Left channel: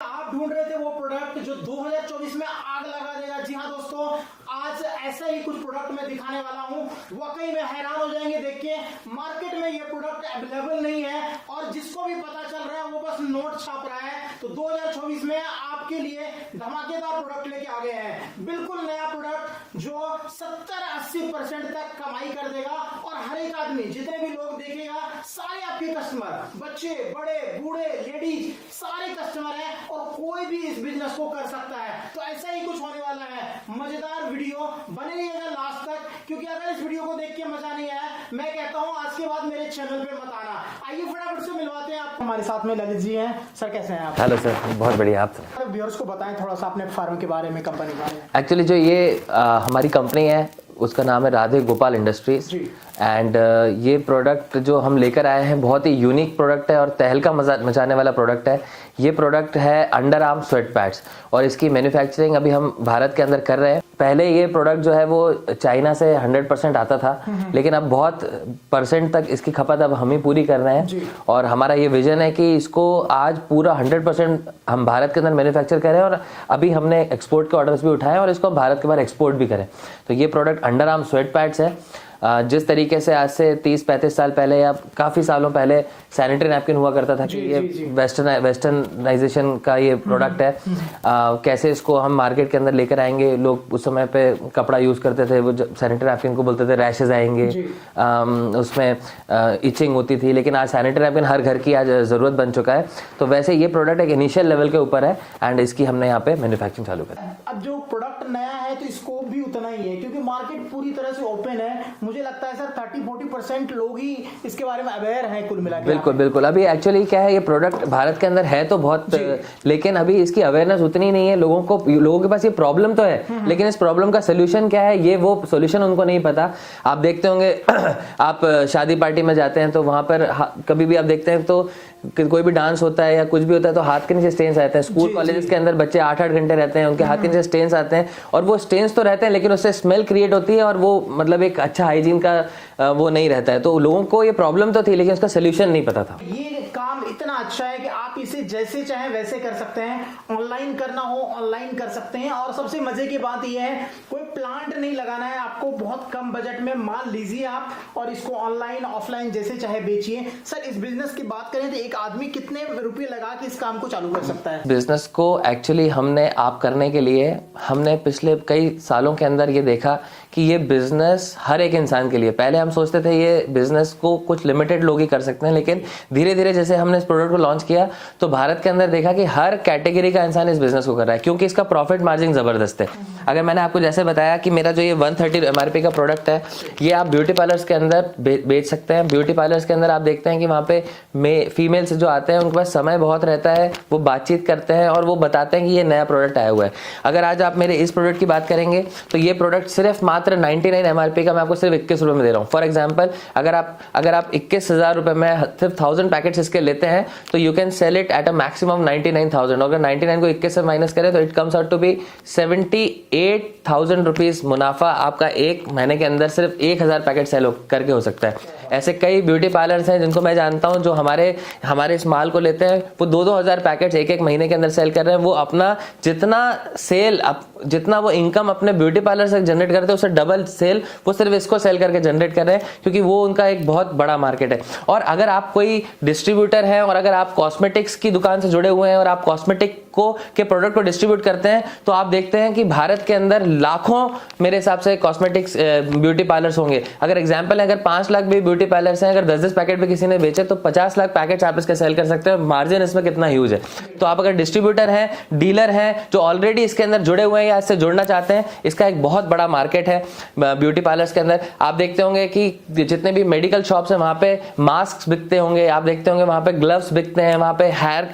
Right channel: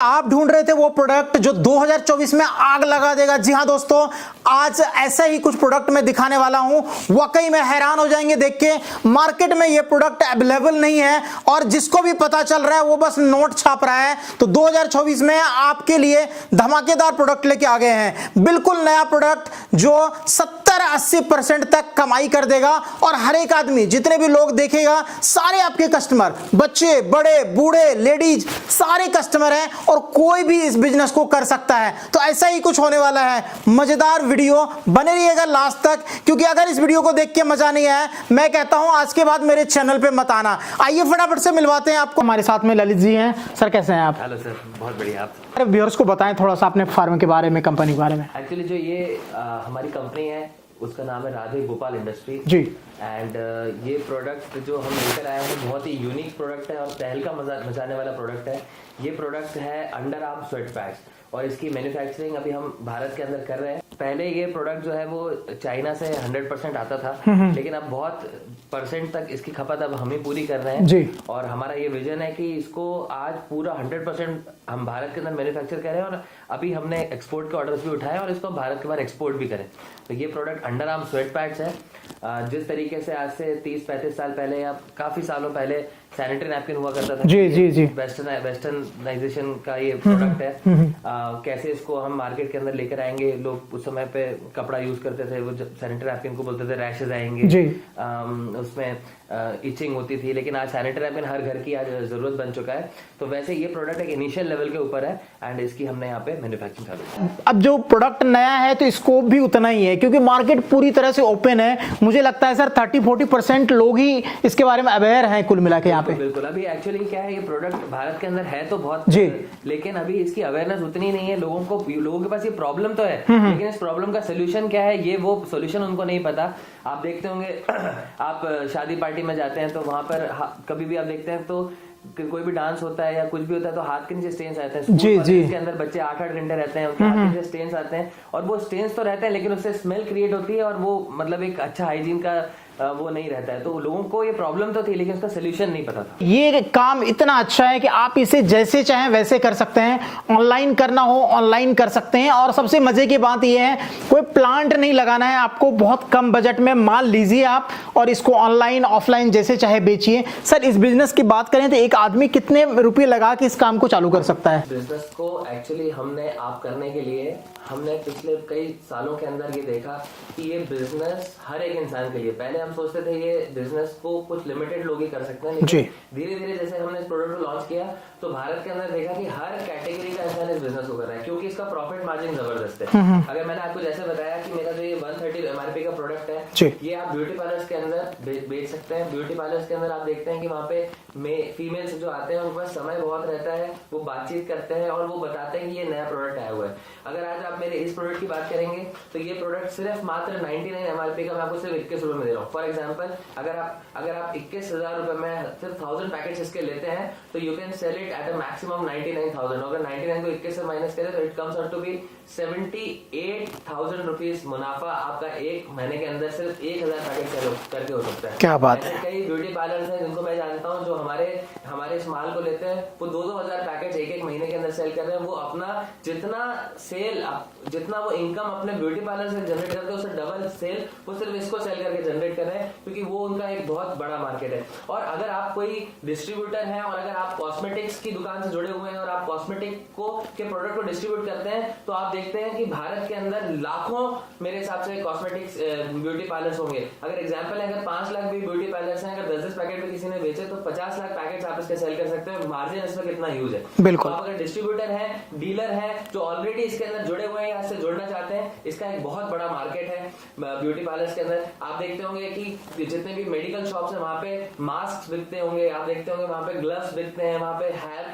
आप ढूंढ रहे थे वो प्रोडक्ट जो 2024 में आग लगा देगा। जी हां दोस्तों, आज ऐसा ही कुछ प्रोडक्ट मैं दिखाने वाला हूं। वाकई में हैरान हो जाएंगे देख के। मार्केट में ये प्रोडक्ट अवेलेबल नहीं है और जिसको भी पता चल रहा है वो बस नोट छाप रहा है। तो 2024 में आपके लिए धमाकेदार प्रोडक्ट लेके आ गए हैं। बिल्कुल नया प्रोडक्ट जो 70-80% तक कमाई कर देगा और हर एक आदमी, जितने भी लोग देखेगा, सारे आपके कस्टमर, बच्चे, बड़े, बूढ़े, लेडीज, सारे कस्टमर हैं और कोई भी इस बिजनेस को कर सकता है। तो ऐसा ही कुछ होने वाला है। मजेदार वीडियो, बने रहिएगा लास्ट तक, क्योंकि अगर इस वीडियो को देख के मजा नहीं आया, मैं कहता हूं आज के बाद मेरे चैनल पे मत आना। आइए फटाफट से मिलवाते हैं आपको। हमारे साथ में ललित जी हैं। सर कैसे हैं आप? हेलो सर, बहुत बढ़िया। आप व्यूअर्स को बताएं थोड़ा सा अपने फार्म के बारे में, कंपनी के बारे में। एक्चुअली जो ये हमारी कंपनी है उसका नाम है राधे गोपाल इंडस्ट्रीज जी। एंड ये प्रोडक्ट जो हम लेकर आए हैं बहुत ही यूनिक प्रोडक्ट है और तहलका मचाने वाला प्रोडक्ट है। ये प्रोडक्ट है अंडर आर्म स्वेट पैड्स और इसकी मैन्युफैक्चरिंग अभी हम भारत के अंदर कर रहे हैं। पहले ये प्रोडक्ट जो है वो चाइना से 100% आता था, लेकिन अब बहुत परसेंट तक इसकी खपत अब हम ही पूरी कर रहे हैं जी। और हमारा ये विजन है कि इसको आज पूरा 100% हम भारत के अंदर मैन्युफैक्चर करें और अभी हमने एक्सपोर्ट के ऑर्डर्स भी उठाए और इसको भारत के बाहर एक्सपोर्ट भी करें। तो ये product under arm sweat pads है। जिस तरीके से आज से 30-35 साल पहले या काफी सालों पहले सैनिटरी नैपकिन हुआ करता था, जी जी जी, वेस्टर्नाइजेशन का ये प्रोडक्ट है। कैसे इसको हम मार्केट के अंदर लेकर आएंगे। लोग उस समय पे कपड़ा यूज करते थे, वो सैनिटरी नैपकिन को बोलते थे रैशेज आएंगे, उसमें इचिंग होती थी, लेकिन आज सैनिटरी नैपकिन हर घर की आज जरूरत बन चुका है। तो वैसे ये प्रोडक्ट एक इनिशियल लेवल के ऊपर है एंड इसकी हमने यहाँ पे मैन्युफैक्चरिंग चालू की। अब जो प्रोडक्ट नया है तो स्कोप भी उतना ही है, क्योंकि मार्केट पूरी तरह से ओपन है। मुझे लगता है सर 30-40% लोग ही इसके बारे में अवेयर हैं कुल मिला के। बिल्कुल बिल्कुल। अभी एक्चुअली क्या है, ये प्रोडक्ट भारत के अंदर है तो बहुत, लेकिन अभी इसकी अवेयरनेस उतनी नहीं है। लोगों के पास ये प्रॉब्लम तो है, लेकिन इस प्रॉब्लम का सोल्यूशन क्या है, ये वो सोल्यूशन उनको नहीं पता। आप देखते होंगे आप शादी पार्टी में जाते हैं तो वहां पर कभी भी आप देखते हैं तो कोई भी डांस होता है या कुछ भी होता है तो हाथ के नीचे स्टेन्स आते हैं। स्कूल कॉलेज के अंदर बच्चे 8-8 घंटे रहते हैं, उनके हाथ के नीचे स्टेन्स आते हैं और वो स्टेन्स तो रहते हैं लेकिन उससे स्मेल क्रिएट होती है और वो मतलब एक अच्छा हाइजीन का वो नहीं रहता है। तो लोगों को ये प्रॉब्लम तो थी लेकिन उसका सोल्यूशन नहीं पता था। ये काम इतना अच्छा है कि आप इसे जैसे चाहें वैसे कर सकते हैं। ऑनलाइन करना हो ऑनलाइन कर सकते हैं और सबसे मजे की बात ये है कोई प्लांट नहीं लगाना है आपको। बहुत कम बजट में माल लीजिए आप और इसको ऑनलाइन ऑफलाइन जैसे चाहे बेचिए। सर इस बिजनेस की बात करें तो एक आदमी कितने रुपए लगा के इस काम को चालू कर सकता है? बिजनेस को एक्चुअली हमने आप करने के लिए हमने पिछले कई सालों के अंदर ये देखा कि ये बिजनेस हर एक इंसान के लिए, पहले हम सोचते थे ये बिजनेस को कुछ लिमिटेड लोग ही कर सकते हैं, लेकिन धीरे धीरे जैसे हमने इस प्रोडक्ट को लॉन्च किया तो भारत के अंदर देखा कि हर कैटेगरी का इंसान इस बिजनेस को कर रहा है, क्योंकि इसका प्रॉफिट मार्जिन जबरदस्त है। अगर मैंने आपको जैसे बताया कि मेरा जो ये 130 MRP का प्रोडक्ट है, ये आप ब्यूटी पार्लर्स के अंदर बेच सकते हैं। ब्यूटी पार्लर्स के अंदर आप देखते हैं कि वहाँ पे फीमेल्स जो आते हैं उनके पास समय बहुत रहता है, वो बातचीत करते हैं और वो बताते हैं कि ये नया प्रोडक्ट आया हुआ है। अगर आज आप मेरे इस प्रोडक्ट की बात करेंगे तो ये प्रोडक्ट सिर्फ मात्र 99 MRP का मैं आपको सिर्फ 21 रुपए में दे रहा हूँ। फॉर एग्जाम्पल अगर आप 21,000 रुपए में सिर्फ 1000 पैकेट्स इसके लेते हैं तो you can sell it at a maximum 99,000। अगर 99 को 21 से माइनस करें तो it comes out to be 78,000 rupees मुनाफा आपका एक महीने के अंदर सिर्फ 1000 पैकेट सेल करके हो सकता है। क्या बात। ऐसे कई ब्यूटी पार्लर्स हैं जिनको मैं जानता हूं जो हमारे इस माल को लेते हैं, वो 2-2 हजार पैकेट्स एक महीने के अंदर सेल कर रहे हैं। वो अपना जितना वो इनकम अपने ब्यूटी पार्लर से जनरेट करते हैं उससे डबल सेल वो सिर्फ इसको सेल करके जनरेट कर रहे हैं, क्योंकि वो उनका एक बहुत बड़ा मार्केट है। और अगर आप कोई डिस्ट्रीब्यूटर है और अगर आप कॉस्मेटिक्स की दुकान से जुड़े हुए हैं और आप कॉस्मेटिक के प्रोडक्ट को डिस्ट्रीब्यूट करते हैं तो आप देखते हैं कि भारत के अंदर लाखों मेरे हिसाब से कॉस्मेटिक्स ब्यूटी पार्लर्स होंगे। अगर एग्जांपल है, अगर 5 लाख भी ब्यूटी पार्लर्स हैं, अगर 10-10 पैकेट भी किसी ने बेचे तो 50 लाख पैकेट आप इसके सेल कर सकते हैं। मार्जिन इसमें कितना ह्यूज है। तो आप अगर डिस्ट्रीब्यूटर हैं, डीलर हैं जो ऑलरेडी इसके अंदर जुड़े हुए हैं या इससे जुड़ना चाहते हैं, इसका एक बहुत बड़ा मार्केट है ब्यूटी पार्लर्स के अंदर। आप देखते होंगे कि जितने भी मेडिकल शॉप्स हैं वहां पे मास्क बिकते होंगे, आप देखते होंगे वहां पे ग्लव्स बिकते हैं, वहां पे हेयर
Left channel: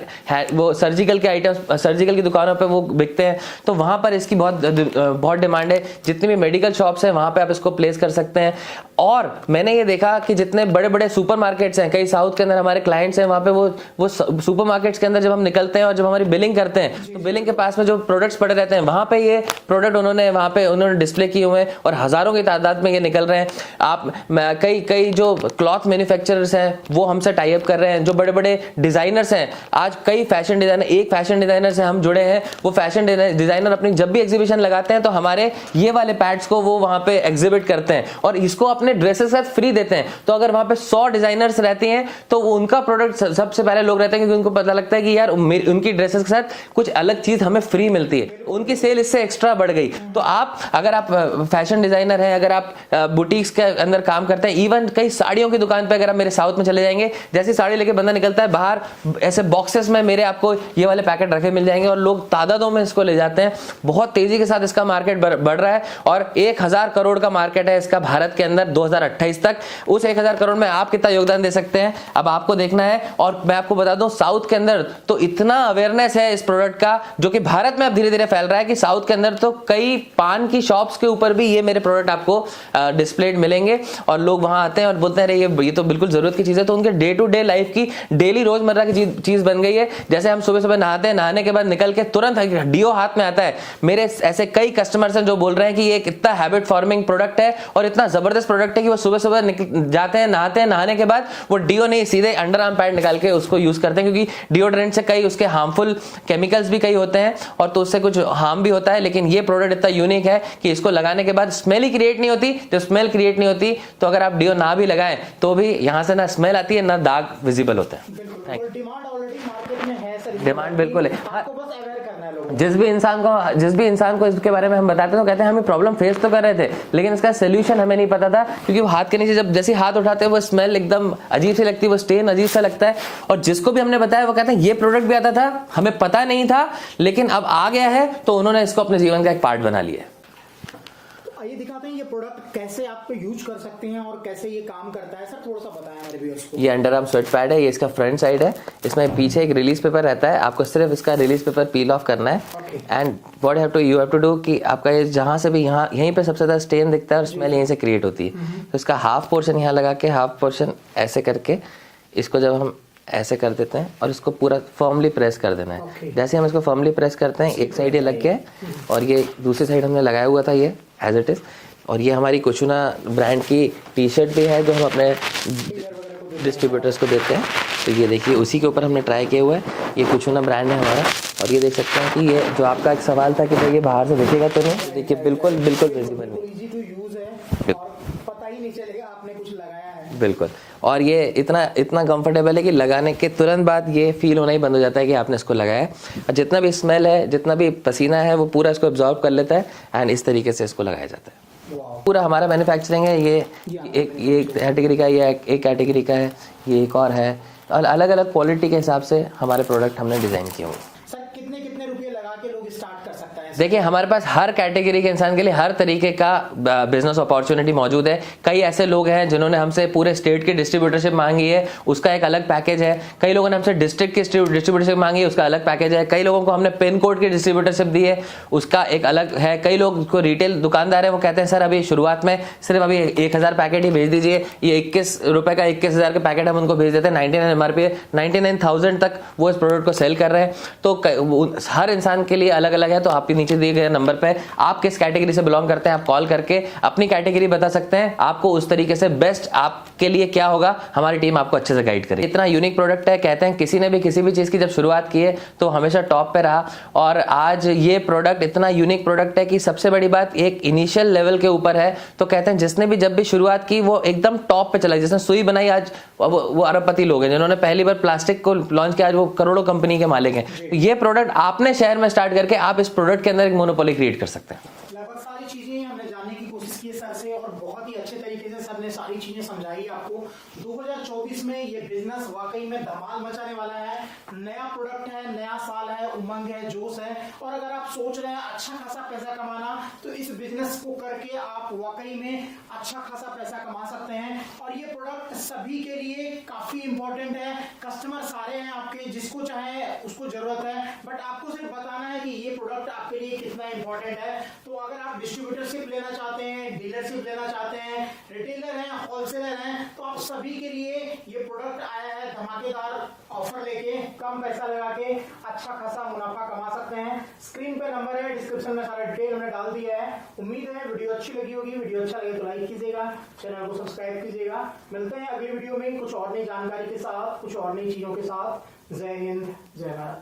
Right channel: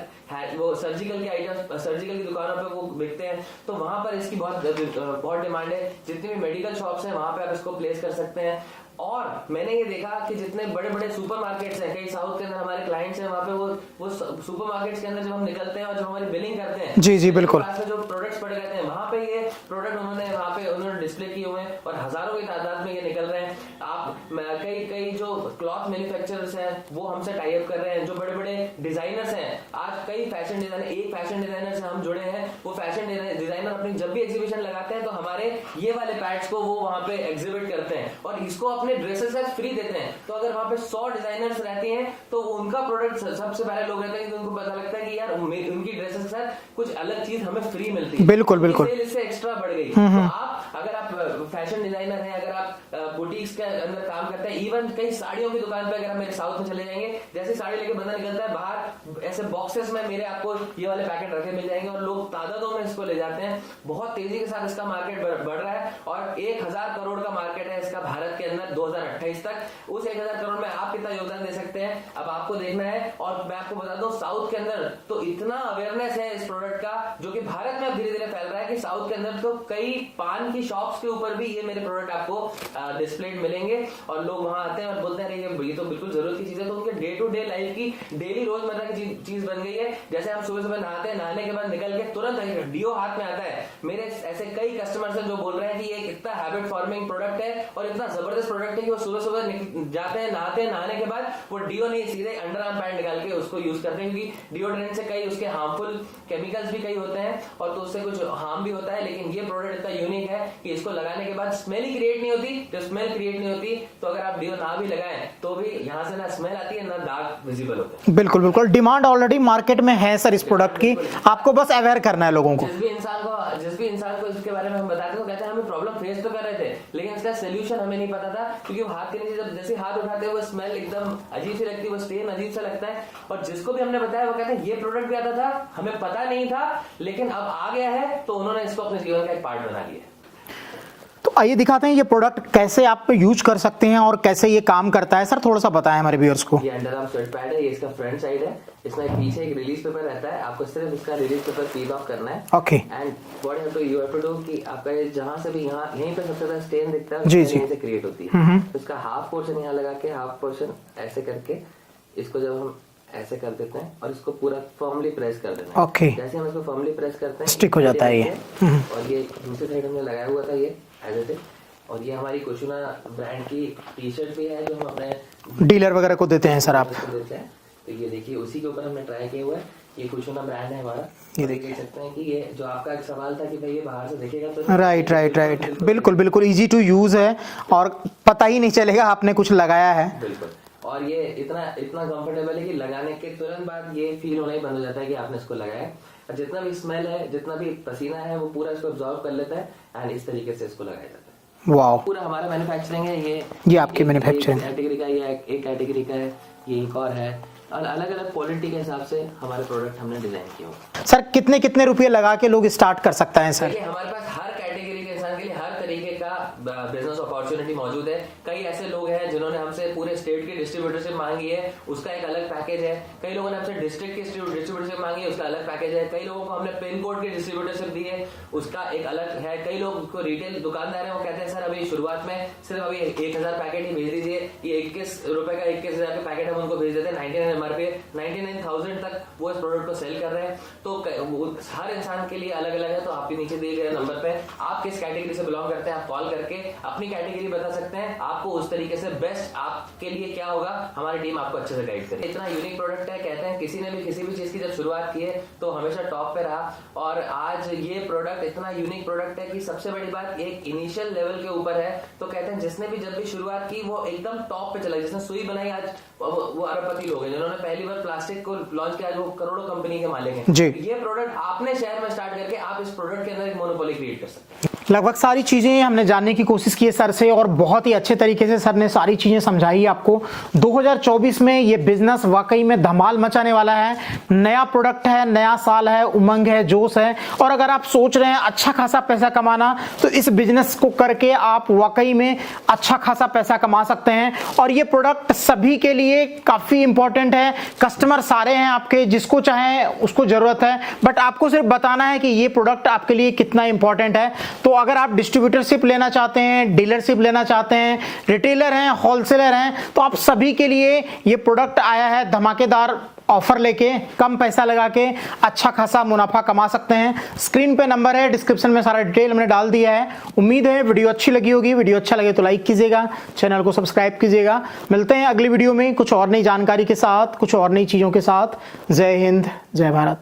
वो सर्जिकल के आइटम्स सर्जिकल की दुकानों पे वो बिकते हैं। तो वहां पर इसकी बहुत डिमांड है। जितनी भी मेडिकल शॉप्स हैं वहां पे आप इसको प्लेस कर सकते हैं। और मैंने ये देखा कि जितने बड़े बड़े सुपरमार्केट्स हैं, कई साउथ के अंदर हमारे क्लाइंट्स हैं, वहां पे वो सुपरमार्केट्स के अंदर जब हम निकलते हैं और जब हमारी बिलिंग करते हैं, बिलिंग के पास में जो प्रोडक्ट्स पड़े रहते हैं, वहां पे ये प्रोडक्ट उन्होंने डिस्प्ले किए हुए हैं और हजारों की तादाद में ये निकल रहे हैं। आप कई जो क्लॉथ मैन्युफैक्चरर्स हैं वो हमसे टाई अप कर रहे हैं, जो बड़े बड़े डिजाइनर्स हैं, आज कई फैशन डिजाइनर, एक फैशन डिजाइनर से हम जुड़े हैं, वो फैशन डिजाइनर अपनी जब भी एग्जीबिशन लगाते हैं तो हमारे ये वाले पैड्स को वो वहां पे एग्जिबिट करते हैं और इसको अपने ड्रेसेस के साथ फ्री देते हैं। तो अगर वहां पे 100 डिजाइनर्स रहती हैं तो उनका प्रोडक्ट सबसे पहले लोग रहते हैं, क्योंकि उनको पता लगता है कि यार उनकी ड्रेसेस के साथ कुछ अलग चीज हमें फ्री मिलती है, उनकी सेल इससे एक्स्ट्रा बढ़ गई। तो आप अगर आप फैशन डिजाइनर है, अगर आप बुटीक्स के अंदर काम करते हैं, इवन कई साड़ियों की दुकान पे अगर आप मेरे साउथ में चले जाएंगे, जैसी साड़ी लेके बंदा निकलता है बाहर, ऐसे बॉक्सेस में मेरे आपको ये वाले पैकेट रखे मिल जाएंगे और लोग तादादों में इसको ले जाते हैं। बहुत तेजी के साथ इसका मार्केट बढ़ रहा है और 1000 करोड़ का मार्केट है इसका भारत के अंदर 2028 तक। उस 1000 करोड़ में आप कितना योगदान दे सकते हैं, अब आपको देखना है। और मैं आपको बता दूं, साउथ के अंदर तो इतना अवेयरनेस है इस प्रोडक्ट का, जो कि भारत में अब धीरे धीरे फैल रहा है, कि साउथ के अंदर तो कई पान की शॉप्स के ऊपर भी ये मेरे प्रोडक्ट आपको डिस्प्लेड मिलेंगे और लोग वहां आते हैं और बोलते हैं ये तो बिल्कुल जरूरत की चीज है। तो उनके डे टू डे लाइफ की, डेली रोजमर्रा की चीज बन गई है। जैसे हम सुबह सुबह नहाते हैं, नहाने के बाद निकल के तुरंत डीओ हाथ में आता है। मेरे ऐसे कई कस्टमर्स हैं जो बोल रहे हैं कि ये कितना हैबिट फॉर्मिंग प्रोडक्ट है और इतना जबरदस्त प्रोडक्ट है कि वो सुबह सुबह जाते हैं, नहाते हैं, नहाने के बाद वो डीओ नहीं, सीधे अंडर आर्म पैड निकाल के उसको यूज करते हैं, क्योंकि डिओड्रेंट से कई उसके हार्मफुल केमिकल्स भी कई होते हैं और तो उससे कुछ हार्म भी होता है। लेकिन ये प्रोडक्ट इतना यूनिक है कि इसको लगाने के बाद स्मेल ही क्रिएट नहीं होती। तो स्मेल क्रिएट नहीं होती तो अगर आप डीओ ना भी लगाएं तो भी यहां से ना स्मेल आती है ना दाग विजिबल होता है। बिल्कुल बिल्कुल, डिमांड ऑलरेडी मार्केट में है सर इस प्रोडक्ट की, आपको बस अवेयर करना है लोगों को। जिस भी इंसान को इसके बारे में हम बताते हैं तो कहते हैं हम प्रॉब्लम फेस तो कर रहे थे, लेकिन इसका सोल्यूशन हमें नहीं पता था, क्योंकि वो हाथ के नीचे जैसे हाथ उठाते हैं वो स्मेल एकदम अजीब सी लगती है, वो स्टेन अजीब सा लगता है। और जिसको भी हमने बताया वो कहता है ये प्रोडक्ट भी आता था, हमें पता नहीं था, लेकिन अब आ गया है तो उन्होंने इसको अपने जीवन का एक पार्ट बना लिया। तो आइए दिखाते हैं ये प्रोडक्ट कैसे आप यूज कर सकते हैं और कैसे ये काम करता है। सर थोड़ा सा बताएं हमारे व्यूअर्स को। ये अंडर आर्म स्वेट पैड है, ये इसका फ्रंट साइड है, इसमें पीछे एक रिलीज पेपर रहता है, आपको सिर्फ इसका रिलीज पेपर पील ऑफ करना है। Okay. And what you have to do कि आपका ये जहां से भी यहीं पे सबसे ज्यादा स्टेन दिखता है, स्मेल यहीं से क्रिएट होती है। तो इसका हाफ पोर्शन यहाँ लगा के, हाफ पोर्शन ऐसे करके, इसको जब हम ऐसे कर देते हैं और इसको पूरा फर्मली प्रेस कर देना है। Okay. जैसे हम इसको फर्मली प्रेस करते हैं, एक साइड लग के और ये दूसरी साइड हमने लगाया हुआ था ये एज इट इज। और ये हमारी कुचुना ब्रांड की टी शर्ट भी है जो हम अपने डीलर वगैरह को देते हैं सर आप। को देते हैं। तो ये देखिए उसी के ऊपर हमने ट्राई किया हुआ है, ये कुचुना ब्रांड है हमारा। और ये देख सकते हैं कि ये जो आपका एक सवाल था कि भाई ये बाहर से दिखेगा तो नहीं, राइट बिल्कुल इजी टू यूज है और पता ही नहीं चलेगा आपने कुछ लगाया है। बिल्कुल। और ये इतना कंफर्टेबल है कि लगाने के तुरंत बाद ये फील होना ही बंद हो जाता है कि आपने इसको लगाया है। और जितना भी स्मेल है, जितना भी पसीना है, वो पूरा इसको एब्जॉर्ब कर लेता है एंड इस तरीके से इसको लगाया जाता है। वाओ। पूरा हमारा मैन्युफैक्चरिंग है। ये आपकी मैन्युफैक्चरिंग कैटेगरी का, ये एक कैटेगरी का है, ये एक और है, और अलग अलग क्वालिटी के हिसाब से हमारे प्रोडक्ट हमने डिजाइन किए हुए। सर कितने रुपए लगा के लोग स्टार्ट कर सकते हैं? देखिए हमारे पास हर कैटेगरी के इंसान के लिए हर तरीके का बिजनेस अपॉर्चुनिटी मौजूद है। कई ऐसे लोग हैं जिन्होंने हमसे पूरे स्टेट की डिस्ट्रीब्यूटरशिप मांगी है, उसका एक अलग पैकेज है। कई लोगों ने हमसे डिस्ट्रिक्ट की डिस्ट्रीब्यूटरशिप मांगी है, उसका अलग पैकेज है। कई लोगों को हमने पिन कोड की डिस्ट्रीब्यूटरशिप दी है, उसका एक अलग है। कई लोग को रिटेल दुकानदार है, वो कहते हैं सर अभी शुरुआत में सिर्फ अभी 1000 पैकेट ही भेज दीजिए। ये 21 रुपए का 21,000 के पैकेट हम उनको भेज देते हैं। 99 MRP 99,000 तक वो इस प्रोडक्ट को सेल कर रहे हैं। तो हर इंसान के लिए अलग अलग है। तो आपके नीचे दिए गए नंबर पे आप किस कैटेगरी से बिलोंग करते हैं, आप कॉल करके अपनी कैटेगरी बता सकते हैं। आपको उस तरीके से बेस्ट आपके लिए क्या होगा, हमारी टीम आपको अच्छे से गाइड करेगी। इतना यूनिक प्रोडक्ट है, कहते हैं किसी ने भी किसी भी चीज की जब शुरुआत की है तो हमेशा टॉप पे रहा। और आज ये प्रोडक्ट इतना यूनिक प्रोडक्ट है कि सबसे बड़ी बात एक इनिशियल लेवल के ऊपर है। तो कहते हैं जिसने भी जब भी शुरुआत की वो एकदम टॉप पे चला। जिसने सुई बनाई आज वो अरबपति लोग हैं, जिन्होंने पहली बार प्लास्टिक को लॉन्च किया आज वो करोड़ों कंपनी के मालिक हैं। ये प्रोडक्ट आपने शहर में स्टार्ट करके आप इस प्रोडक्ट के अंदर एक मोनोपोली क्रिएट कर सकते हैं। लगभग सारी चीजें हमने जानने की कोशिश की है सर से और बहुत ही अच्छे तरीके से सर ने सारी चीजें समझाई आपको। 2024 में ये बिजनेस वाकई में धमाल मचाने वाला है। नया प्रोडक्ट है, नया साल है, उमंग है, जोश है। और अगर आप सोच रहे हैं अच्छा खासा पैसा कमाना तो इस बिजनेस को करके आप वाकई में अच्छा खासा पैसा कमा सकते हैं। और ये प्रोडक्ट सभी के लिए काफी इंपॉर्टेंट है। कस्टमर सारे हैं आपके, जिसको चाहे उसको जरूरत है, बट आपको सिर्फ बताना है कि ये प्रोडक्ट आपके लिए कितना इंपॉर्टेंट है। तो अगर आप डिस्ट्रीब्यूटरशिप लेना चाहते हैं, डीलरशिप लेना चाहते हैं, रिटेलर हैं, होलसेलर हैं, तो आप सभी के लिए ये प्रोडक्ट आया है धमाकेदार ऑफर लेके, कम पैसा लगा के अच्छा खासा मुनाफा कमा सकते हैं। स्क्रीन पे नंबर है, डिस्क्रिप्शन में सारा डिटेल हमने डाल दिया है। उम्मीद है वीडियो अच्छी लगी होगी। वीडियो अच्छा लगे तो लाइक कीजिएगा, चैनल को सब्सक्राइब कीजिएगा। मिलते हैं अगली वीडियो में कुछ और नई जानकारी के साथ, कुछ और नई चीजों के साथ। जय हिंद, जय भारत।